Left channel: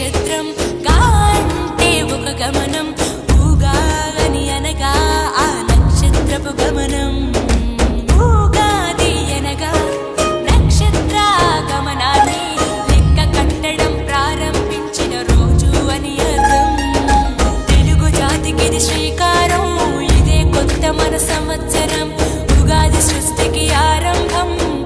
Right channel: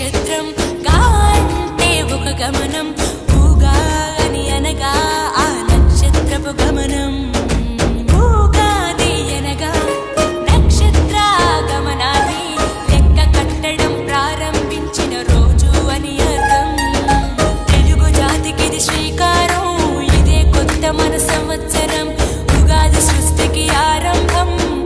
నక్షత్రం గా అంటే ఒక గమనం, ఊగా అని అనగా ఆ నక్షత్రపు గమనం. ఊగాది అనగా నక్షత్ర గమనాన్ని లెక్క కట్టడం ప్రారంభించిన రోజు అని అర్థం. తెలుగు జాతికిది శ్రీకారం, ఇదే కొత్త మన సంవత్సరం, ఉగాది సృష్టికి ఆరంభం.